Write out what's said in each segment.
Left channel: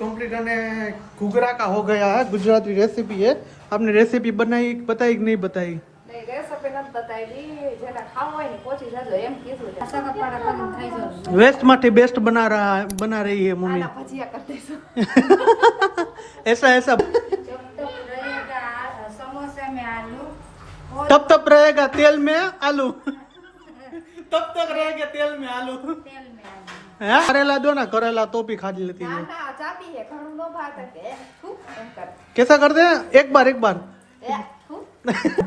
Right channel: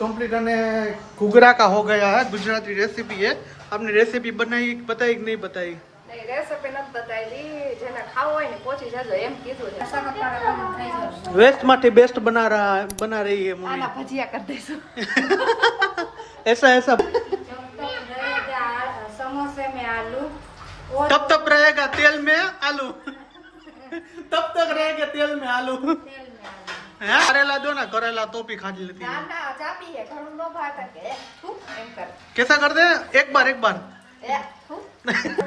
Complete अने घुघरा का हो गया है। गुजराती रेसिपी है। आपने रेसिपी बनाई बताई कि नहीं बताई? नहीं रेसिपी નથી બતાવી જેને ખાવ હોય ને પહોંચી જાજો એમ કીધું છે वेस्ट माटी बेस्ट बना रही है मम्मी। આલા ભજીયા કરી દેજો ऐसा ऐसा समोसे में आलू तब तक रहेगा तेल में आलू तब तक रहेगा तेल में आलू है। करेला दो ना, करेला तो भी खा लेती ના है। ના ચાપી હે ઘણું નો ભાત કે એમ કર कैसा करते हैं? एक बार એ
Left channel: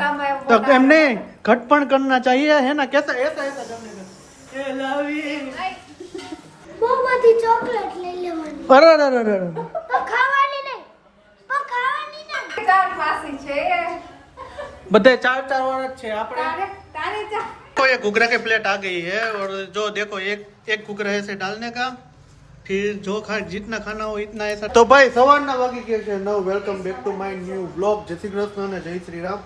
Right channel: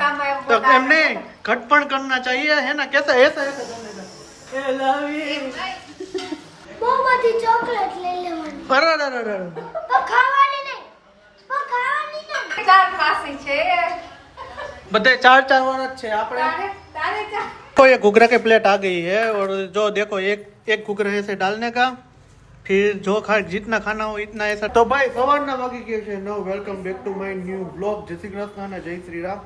કામ तो हमने घटपण करना चाहिए है ना। कैसा ऐसा ऐसा करने का મોમાંથી ચોકલેટ લઈ લેવાની अरे अरे अरे अरे પણ ખાવાની નહીં ચાર પાસે છે बधे चार चार वाला छे आपने। તારે ચા तो ये घुघरा की प्लेट आ गई है और जो देखो एक घुघरा ऐसे डालने का, फिर जो जितना खाना हो इतना ऐसा। तो भाई सवाરના વાગી ગયા છે 9। Welcome back to my new blog. જય શ્રી કૃષ્ણ અને જય શ્રી રામ।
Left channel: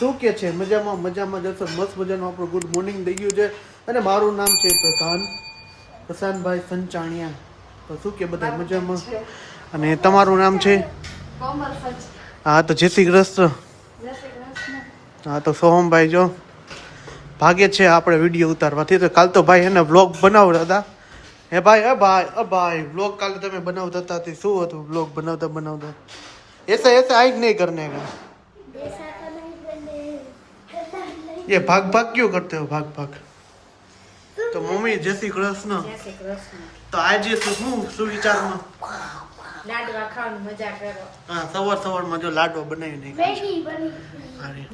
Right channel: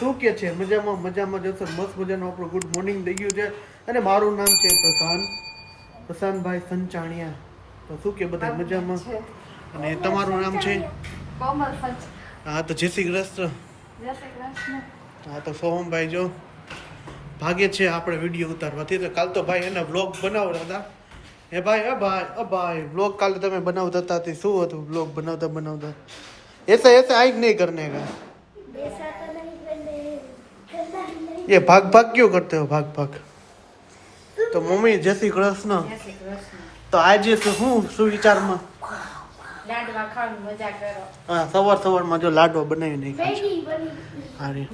શું કે છે મજામાં જશો? મસ્ત મજાનું આપણું ગુડ મોર્નિંગ થઈ ગયું છે અને મારું નામ છે પ્રશાંતભાઈ સંચાણિયા। તો શું કે બધા મજામાં અને તમારું નામ છે? કોમલ સચ હા તો જય શ્રી કૃષ્ણ। જય શ્રી કૃષ્ણ। હા તો સોહમભાઈ જો ભાગે છે આપણે વિડીયો ઉતારવાથી। તો કાલ તો ભાઈ એને વ્લોગ બનાવતા હતા। હે ભાઈ વ્લોગ કાલે તમે બનાવતા હતા તે શું હતું? વ્લોગ બનાવતા ऐसे ऐसे आई नहीं करने का। બેસા તો નહીં બને ये भाग क्यों करते हो? भाग तो मम्मी जय श्री कृष्ण। જય શ્રી કૃષ્ણ તો આજે શું સુવિચારમાં લાડવા ખાવાની મજા કરો હા સવારમાં જો લાડવા બનાવી નાખ્યા છે। રેડી બની અરે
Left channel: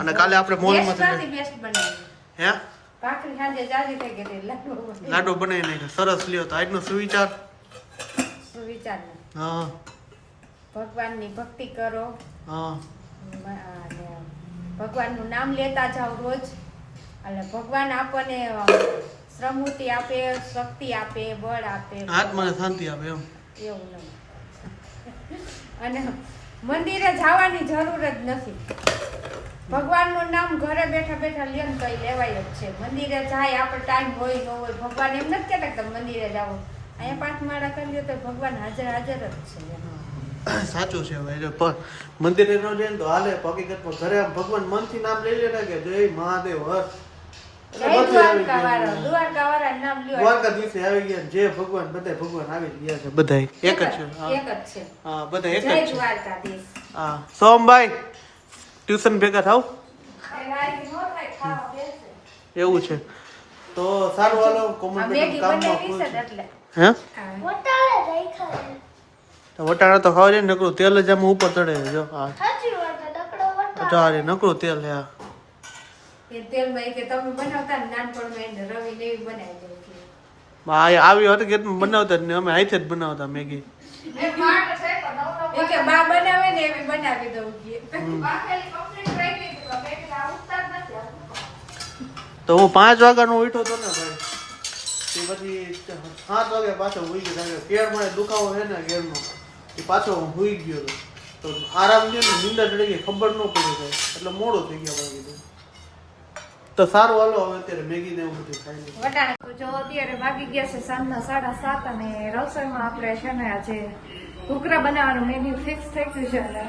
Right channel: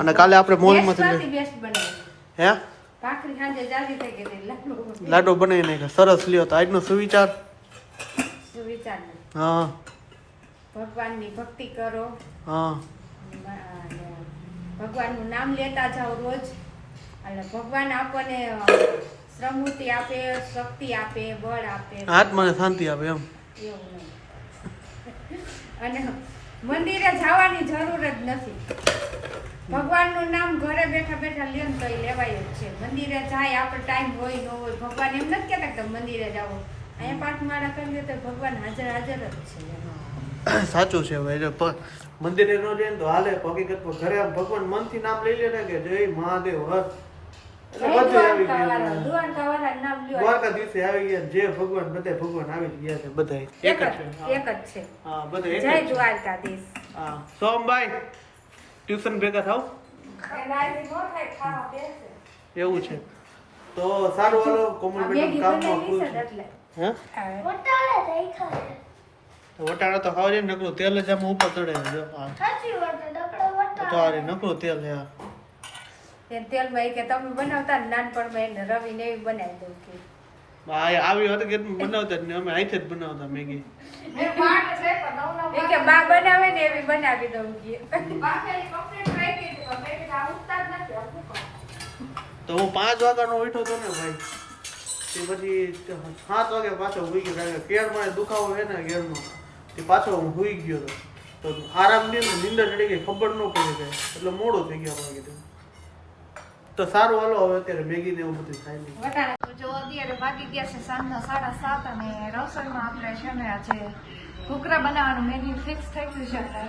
અને કાલે આપણે મોલમાંથી બેસ્ટ બનાવી હે ભાખરી સાંજે જાજી થઈ ગઈ એટલે લાડવા બનાવી નાખ્યા સરસ લ્યો। તો આજનો સુવિચાર સુવિચાર હા ભગવાનની ભક્તિ કરો હા અને ભગવાનનું નામ લેતા જાઓ રોજ એટલે ભગવાન આપણને શ્રમૃતિ આપે, શક્તિ આપે, બળ આપે, આત્માને શાંતિ આપે એમ। એવું નહીં અને મંદિરે જવાની જરૂર જ નથી। ભગવાનનું નામ ઘરે બેઠા બેઠા લે ને કઈ લેવાય જ છે। મંદિરે જાય આપણે ટાઈમ હોય ન હોય, ભગવાન એમ નથી કહેતા કે તમે મંદિરે જાઓ, અહીંયા પાંચ માળા કરી લે તો ભગવાન હાજર જ છે એમ। સાચું છે ભાઈ। જો મંદિરે ન જાય ને તો હાલે, હકીકતમાં ઘરે આમ ભગવાન મનથી નામ લઈ લે ને કે જય મહાદેવ હર એટલે બધું આવી ગયું। દ્વારકાવાળા નામ લ્યો દ્વારકા દિવસે આવી ગયા જે ભગવાન બધા ભગવાન આવી ગયા છે બધા એક જ છે। એક જ છે। હા બધા એક જય જ છે। દ્વારકાધીશ। હા સોમભાઈ ટ્યુશન ભેગા થાવ એવું છે તો સારું હાલો કોમન મેગી કામમાં બનાવી ફૂલ છે છે એટલે હે વટાળે રાખ્યા છે વટાણા તો ખાવા જાય ને નકરું તેલ જ આમાં ઉપર ચડે છે જો હા સાચી વાત છે દકડો વટાળે ચારે નકરું તેલ હે આ તે તેલમાં એ કે તમે બનાવતા ને નાનપણમાં એને રવિ ને એવી બનાવી દઉં કે આવી હતી કે બનાવતા જ ને અમે હાથે જ બનાવતા મેગી। એ કે બા બનાવે ને એવી બનાવી દઉં કે તો હું 5 વાગ્યાનો ઉઠ્યો હતો ને ભાઈ તે પછી 7 વાગે પાછો હુઈ ગયો। કેળ મને દુખાવો છે ને કેળમાં તે પાછો હું હુઈ ગયો હતો તો આરામ દે ને નીંદર ચડી ગઈ ખબર ન પડી ગઈ એટલે મોડું થઈ ગયું આપણે કીધું। તો સારું હાલો હવે અત્યારે મેગી ને એવું બધું ખાઈ લઈએ। વટાણા તો જો અત્યારે વાગી ગયા છે સાંજના 7:30 અને રસોઈમાં આપણે છે ને આજે ઘૂઘરા બનાવવાનું મેન્યુ ફિક્સ થઈ ગયું છે અને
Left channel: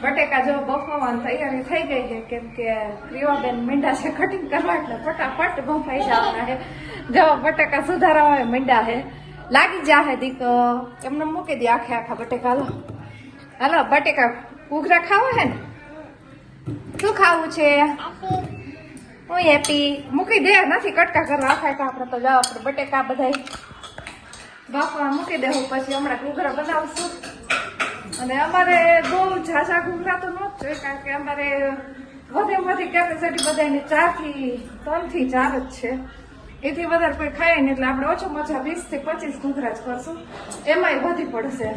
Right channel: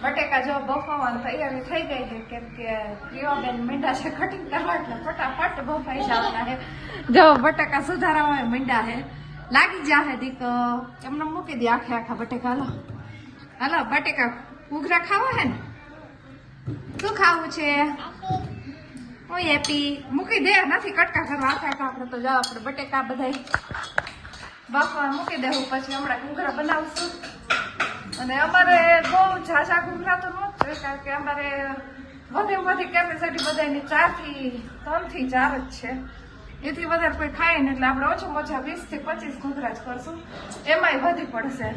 બટેકા જો બફાવવાની તૈયારી થઈ ગઈ છે કેમ કે પ્રિયાબેન મીંડા છે કટિંગ કરવા એટલે ફટાફટ બફાઈ જવાના છે। જો બટેકા સુધારવા મીંડા છે લાગી જાહે દીક એમને મૂકી દે આખા બટેકા। હાલો બટેકા ઘૂઘરા ખાવા હે ને શું ખાવું છે? હું હેપી મૂકી દે નથી કટકા કરવા આખા આપણે તો જાઓ આપણે બટેકા બધા બાફવા મૂકી દેવું પછી હમણાં ઘૂઘરા બનાવશું। અને અમારે બહુ ઝાઝા ઘૂઘરા તો ન થાય કારણ કે અમારે વધુ કેપેસિટી બધાની 4 થી 3 થી 4 જ છે। એથી વધારે કોઈ ખાય ને એટલે આપણે ઓછામાં ઓછા 20 થી 25 ઘૂઘરા જ કરશું, એમાંય વધી પડશે।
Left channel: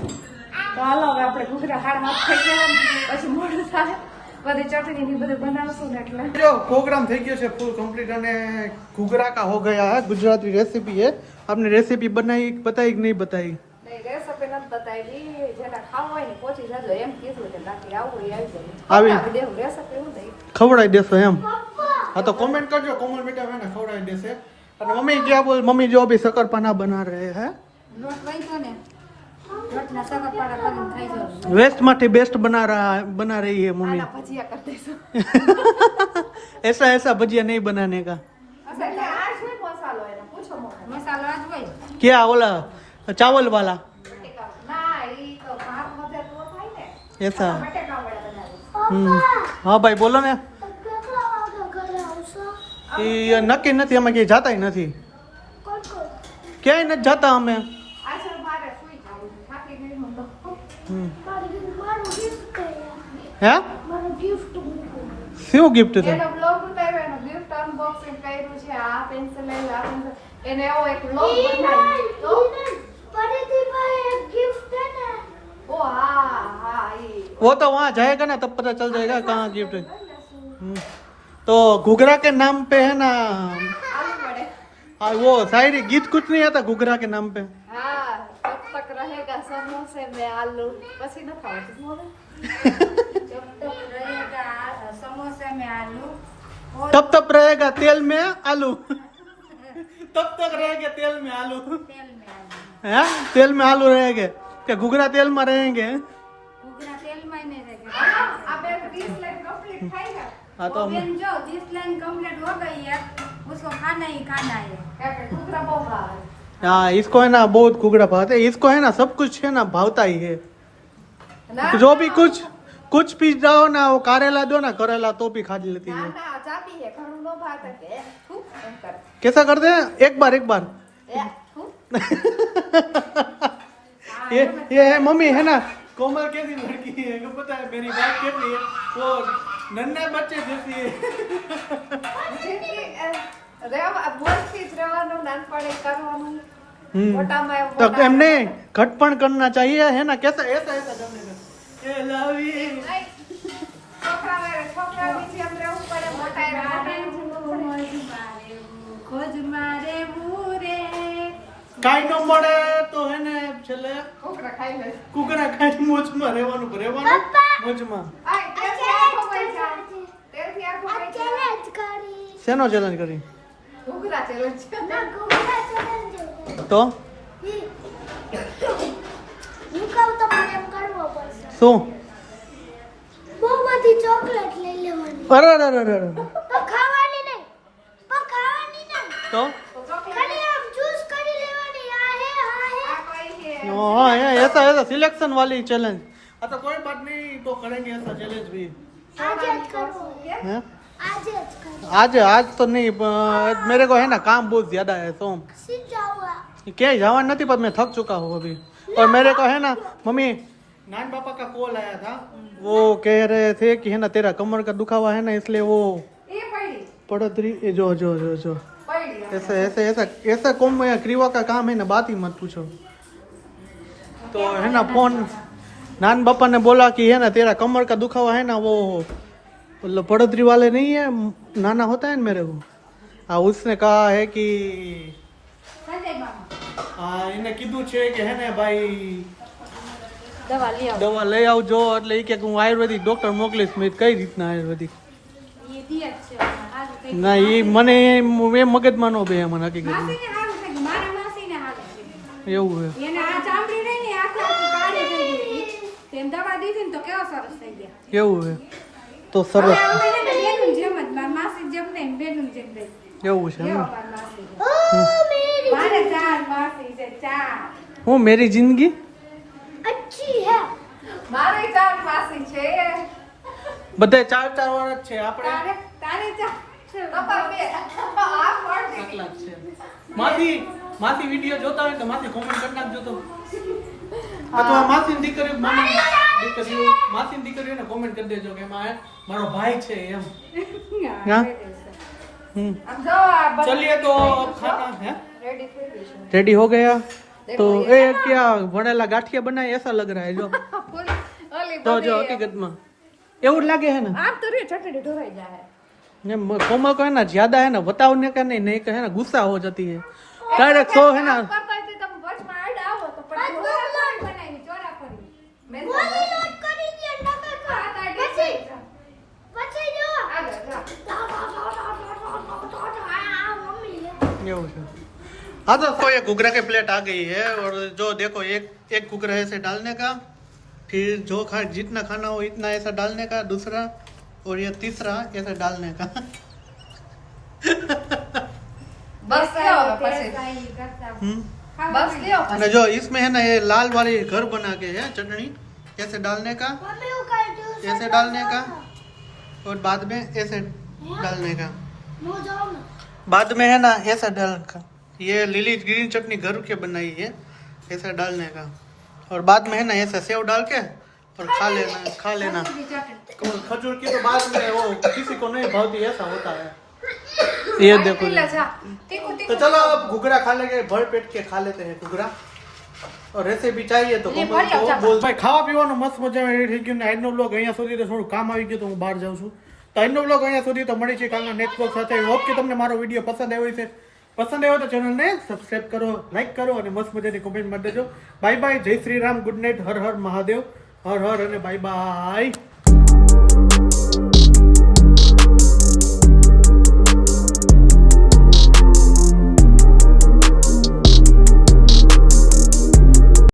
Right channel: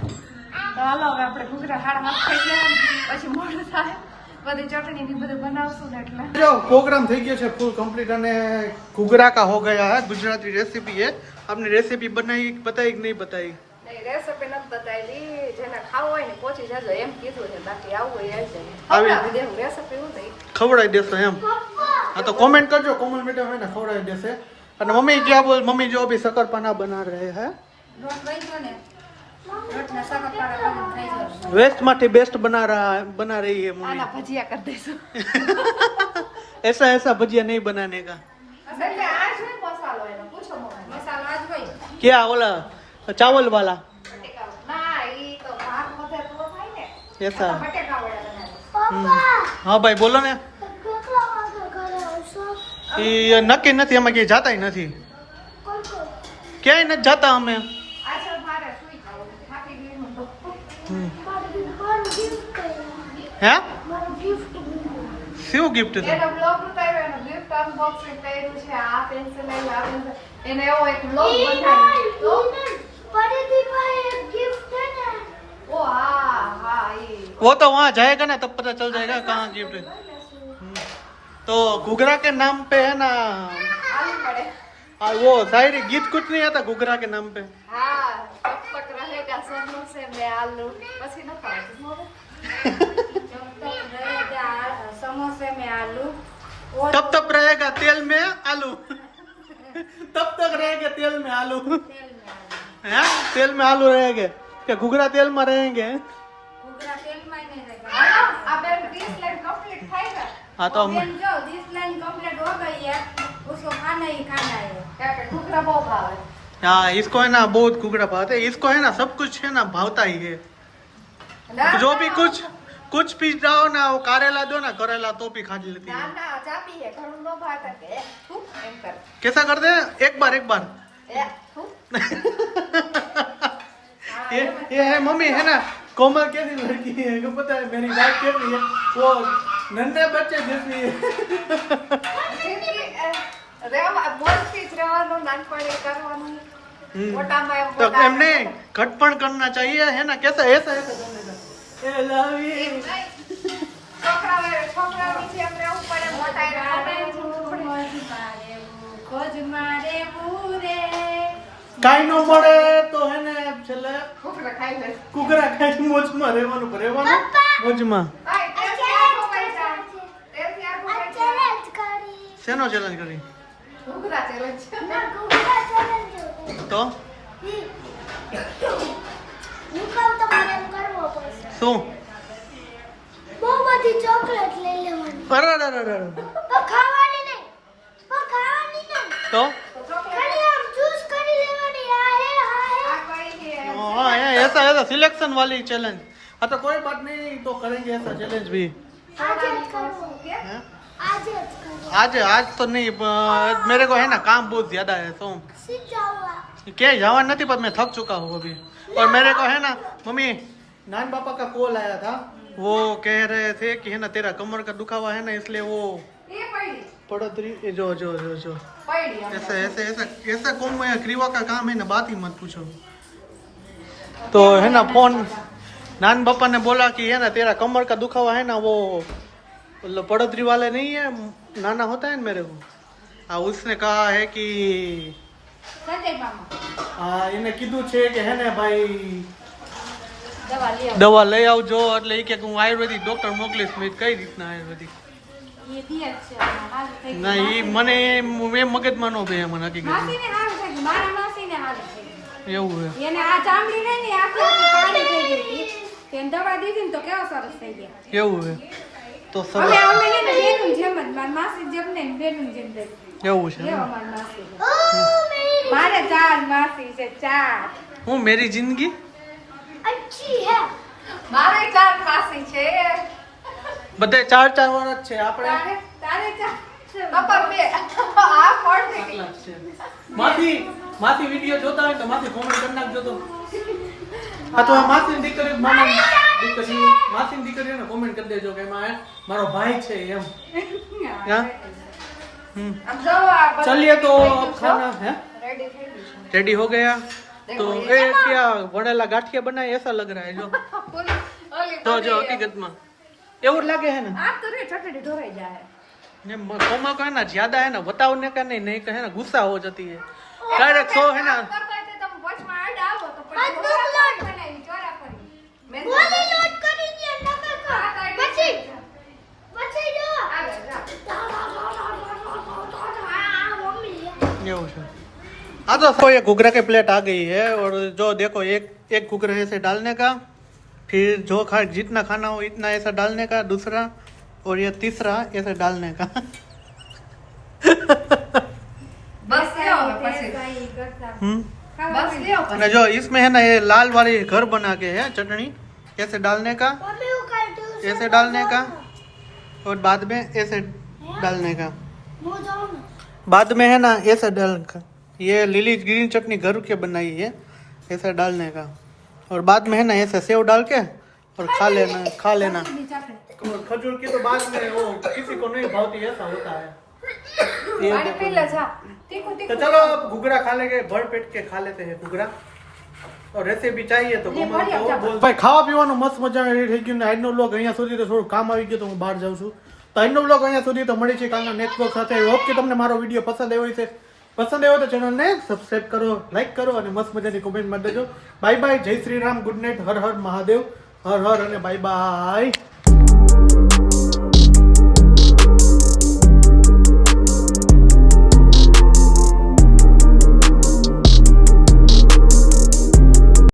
તો હાલો હવે આપણે ઘૂઘરા 7:30 થઈ ગયા પછી મોડું થાય બધી ચટણી ની બધું બનાવશું ને એટલે जो प्रोग्राम થઈ ગયો છે ફૂલ કમ્પ્લીટ અને ઘુઘરા का हो गया है। गुजराती रेसिपी है। आपने रेसिपी बनाई बताई कि नहीं बताई? નહીં રેસિપી નથી બતાવી જેને ખાવું હોય ને પહોંચી જાજો એમ કીધું છે બાકી આવું હોય આવી આવી દેવું રેસિપી હું થઈ ખવડાવી દેશો એમ? हाँ तो कमेंट करजो कोमल बेटा है ना खवड़ाई देसे। અને મમ્મી क्या बोल मम्मी जो अभी शक्करपाना बना रहे हैं નહીં તો ને રોટલા સગતવાળા કરીને ખાઈ જવાનું. वेस्ट માંથી बेस्ट बना रही है मम्मी આલા ભજીયા કરી દઈશું. ऐसा ऐसा भजिया नहीं बनाने का એટલે આજ નહીં મસાલો એનો પૂછો મસાલો આજ હોય क्या ओला चावल वाला ના ઈ તો ભાત બધે તો થાય ને ऐसा બટેકા વડા બનાવે. हाँ भाई बोलो ने કેટલા વાગે ઘરે આવશો? ये नक्की નથી અમે ક્યાંય જાતા નથી કોણ કોણ? ક્યાંય નથી જાતા અમે આજે મારે સુઈ જવું થાકી ગઈ હું તો. મારું gift કર્યું. હે મારું gift મૂક્યું. શું ગિફ્ટ છે એનો બ્લોગ ઉતાર્યો એનું ગિફ્ટ અનબોક્સિંગ કર્યું છે આ પેન્સિલ લઈ આ પેન્સિલ એને એવો એક બ્લોગ બનાવ્યો તો પરિધીમાં એક gift है ना? ઓ હા હા ઈ वो तो वहाँ जाएगा ना तब पता चल जाएगा कहाँ गिफ्ट है तो घुघरा के नाम पे है ना આલુ વડે और वो शायरी गीत कुछ नहीं आता घुघरा के नाम पे હા તબ તક રહેગા સમોસે મે આલુ પછી ન ખાવ रहेगा समोसे में आलू और तब तक रहेगा तेल में आलू तब तक रहेगा तेल में आलू तेल में आलू है तेल में आलू रहेंगे क्या घुघरा तेल में रहेंगे घुघरा तेल में नहीं रहेगा अब एक 20 लाइन कंप्लीट खाएगा हाँ तो हम बहन जो 20 लाइन कंप्लीट हो गई है उसको खाना ही खाना है क्या कहते घुघरा बहुत भाव है हाँ इसको है ना बहुत घुघरा भावता है इसको है ना सब कुछ है ना भावता ही है ना जो भी कुछ भी जाओ ना वो करेला दो ना करेला तो भी खा लेती ना है ना चापी है घणो नो भात के खूब एम कर कैसा करते हैं एक बार ए खूब ये मम्मी है ना कोमल कैसी लड़की है को पता है मेरी बात कैसी है वो नन्हे बच्चे जैसी है રેવા મોસ્તી રહેવાનું નાનપણે કરવાનું મોટામાં એમ तब મોટા हमने घटपण करना चाहिए है ना कैसा ऐसा ऐसा करने का ए लव यू છોકરા નીચે એમ રહેવું પડે મોટા ખોજ મારે મૂરે કાઈ ન મળે તો હે ને છેલ્લે છોકરા ખાઈ લે કુકરા ખાઈ મોજમાં રહેવાનું મોજમાં આય તેલથી આખો પૈસા તેલથી આખો આ પૈસા challenge કરી. શેનો ચેલેન્જ કરી ઘૂઘરા ચેલેન્જ ના, ઘૂઘરા challenge હતું. તો હું કહું તો મને એમ કરવો પડશે. શું બહુ બધી ચોકલેટ લઈ લેવાની. અરે અરે અરે અરે પણ ખાવાની નહીં. પણ ખાવાની નહીં. તો ખાલી આમ જ્યુસ કરી લેવાની. આ હે, આ હે. આ કોઈ છે हाँ ऐसा ऐसा सिलेक्शन वाली चैलेंज हाँ तो कोई बात नहीं तो करेंगे ऐसा चैलेंज भी આજે જ કરવો. हैं? આજે જ કરવો. आज तो नहीं मेरे को है ना काम बहुत ज्यादा है तो સીધા આવા. क्या जवान नहीं पर मैं थक चुका हूँ अभी और मेरे को है ना मम्मी नान पापा का कॉल आया था वो कह रहे थे कि है ना तेरा कमर का दुखावा है ना इसलिए वो એ પડી पड़ोतरी जो जो जो जो પડી ऐसा ऐसा ऐसा ऐसा कौन क्रीवा का काम है ना बात ही मत पूछो तो है ना फोन नान पापा ने बोला कि है ना तेरा कमर का दुखावा है ना वो मतलब पड़ोतरी वाले नहीं है नाना होता है ना मेरे को हाँ उसने कहा है कि સંજય મામા हाँ इन्हें कीधु छे कि है ना भाई દવા લ્યો દવા લઈ આવજો એટલે એ કે હું આયુર્વેદિક ડોક્ટર મોકલીશ મેં કઈ રીતના આયુર્વેદિક એ ઠીક છે હાલ થઈ ના એ મને એ મગજમાં નો બે મને હકીકતમાં માસીને હારું થઈ ગયું મારા માસીને હારું થઈ ગયું એવું છે એને આ ચામડી રહી ને આખી કાળી થઈ ગઈ હતી તેને દવા દીધી ને તો કેવો સરસ થઈ ગયા એવું છે તો અમે સરસ અમે છે ને બેનું જેમ જ મારી માસી જેમ ને બેનું જેમ થઈ એવું છે કેવો એમ. મારી માસી છે. ઓ મેરી મારે 4 માસી છે 4 હું મેરી જિંદગી અચ્છી હે. મારે 4 માસી છે બધે ચાર વાળા જ છે આપણે તારે તારે 4 બાપા બે આ કોણ છે આટલા જ છે માસી વિડીયો જોતા હોય તો માસી કોમેન્ટ કરી નાખજો તો અથવા માસીની દીકરી મામા દીકરી માસીની દીકરીઓને કોમેન્ટ કરી દેજો કે એમાં મારો ભાઈ છે એમ હા? हम्म આમ જો આ બધું चलिए तो खाना है રેડી થઈ ગયું છે रेडी हो गया तो ये क्या वड़ेला गाठिया बनाए ऐसा लग रहा है जो પૂરી ઓલી जो जो हकीकत में એવું જ લાગે है ना આ તો રે ઠઠડી ઢોરાઈ જાય ने कोमल को है ना ज्यादा है ना बताओने का नहीं है ना गुस्सा हो जाती है डायरेक्ट सो है ना કરતા હોય તો તમે વચમાં આડ આવો તો પછી ઢોરા બનાવી ચોરા કરી મેં બોલી નોટ કરી દે નકર આ કર. તાઈ પછી પછી જો. આગળ જા આ મમ્મી લે. એવું છે हाँ तो ये घुघरा की प्लेट आ गई है और जो देखो एक घुघरा ऐसे डालने का, फिर जो जितना खाना हो इतना ऐसा डालने का, दूसरा और ये तीसरा ऐसे डालने का। बस बस અને જો इसमें है ना ये लाल वाली घर बना के है चटनी, ऐसे डालने का, मम्मी वो कर दो ऐसे डालने का और बाद में ऐसे डालने का, मुंह जाओ ना बाद में है ना ऐसे डालने का। ये लीली ग्रीन चटनी घर के बनाई है, ऐसे डालने का और बाद में है ना ऐसे सेव डाल के और खा लेना। खजूर की तो बाद में वो किसी को नहीं भावती, ऐसा होता है। ये देखो तो चलो अब घुघरा खा लेंगे, भर पेट के खा लेते हैं घुघरा। और રેસીપી चाहिए તો બોલ ભાઈ। ખાવા પીવાનું મસ્ત મજા થઈ ગયું ને આજનો બ્લોગ અહીંયા સુધી, તો થોડું કામ આવી ગયું તો હું બહાર જાઉં છું। તો આજનો બ્લોગ અહીંયા સુધી, તો મળી છે કાલના નેક્સ્ટ બ્લોગ સાથે। હોપ કે તમને મારો વિડીયો પસંદ આવ્યો છે, પસંદ આવ્યો તો ચેનલને સબસ્ક્રાઇબ કરો, લાઈક કરો અને મસ્ત મજાની કોમેન્ટ મારી દેજો। બાય બાય, જય શ્રી રામ, ગુડ નાઇટ, હર હર મહાદેવ, હર હર અને બાય બાય।